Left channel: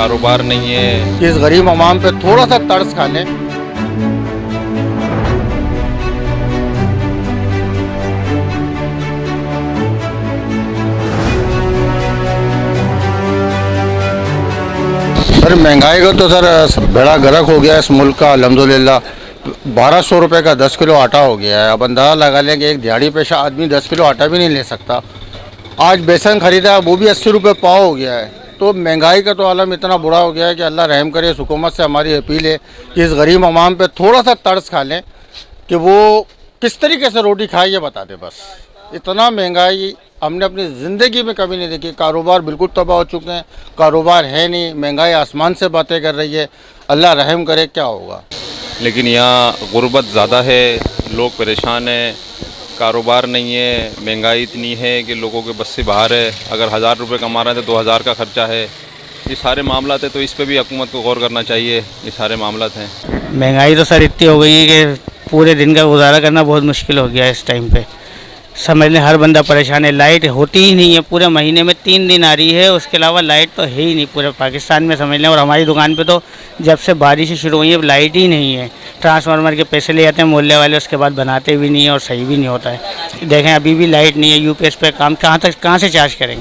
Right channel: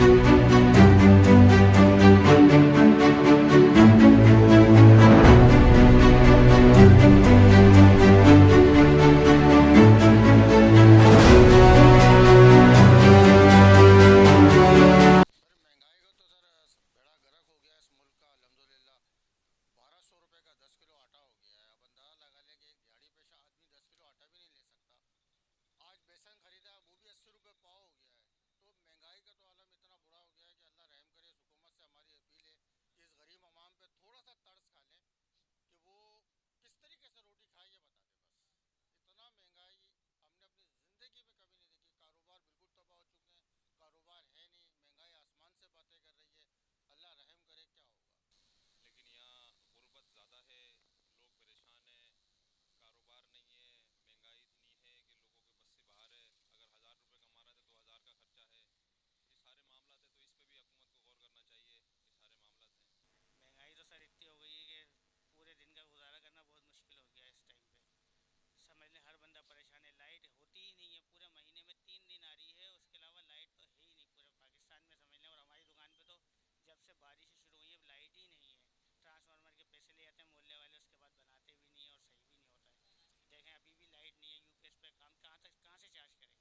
कारोबार नहीं है। इस गरीब अवाम पे थोड़ा सा तर्स खा लें। सर महंगाई का तो सर बड़ा गर्क हो गया इस मुल्क का। अल्हम्दुलिल्लाह 1200 रुपये का 10 किलो आटा हो गया है। अब अंदाज़ा लगा लें कि एक दिहाड़ी पेशा आदमी 10 किलो आटा भी नहीं ले सकता। आज बेसन ख़रीदा वो भी 80 रुपये पाव हो गया है। तो महंगाई का तो आलम इतना बुरा हो गया है कि अल्लाह रहम करे। इस हुकूमत से हमारी अपील है कि इस गरीब अवाम पे थोड़ा सा तर्स खा लें कि वो किस तरीके से रोटी खाए ये बता दें। बस इतना महंगाई हमने अपनी ज़िंदगी में कभी नहीं देखी। कारोबार बिल्कुल तबाह हो चुके हैं, कारोबार है नहीं, महंगाई आसमान से बातें कर रही है। अल्लाह रहम करे, क्या होगा। लेकिन यहाँ गुर्बत ज़्यादा है, लोग परेशान हैं, कारोबार नहीं है, महंगाई इतनी है कि लोगों के बस से बाहर है। अगर 1000 रुपये कमा रहे हैं तो 2000 का खर्चा है। ये सारे मामलात हैं, तो इस पे भी हुकूमत को गौर करना चाहिए। ये सारे मामलात हैं। महंगाई तो सर इतनी हो गई है कि पूरे दिन का गुजारा करना बहुत मुश्किल हो गया है इस टाइम पे। समझ लें हर बंदा परेशान है। लाइट होती ही नहीं है, पूरे महीने में 3 दिन आ रही है, उसके अलावा लाइट तो है ही नहीं पूरे पाकिस्तान में समझ लें। और हमारी दुकान पे तो जब से बारिश शुरू हुई है लाइट ही नहीं है। ट्रांसफार्मर के पैसे ले जाते हैं मोहल्ले वाले, उसके बाद बनाते भी नहीं है और सही भी नहीं होता है। देखें अभी भी लाइट नहीं है। यूपीएस पे काम कहाँ से चार्ज करेंगे।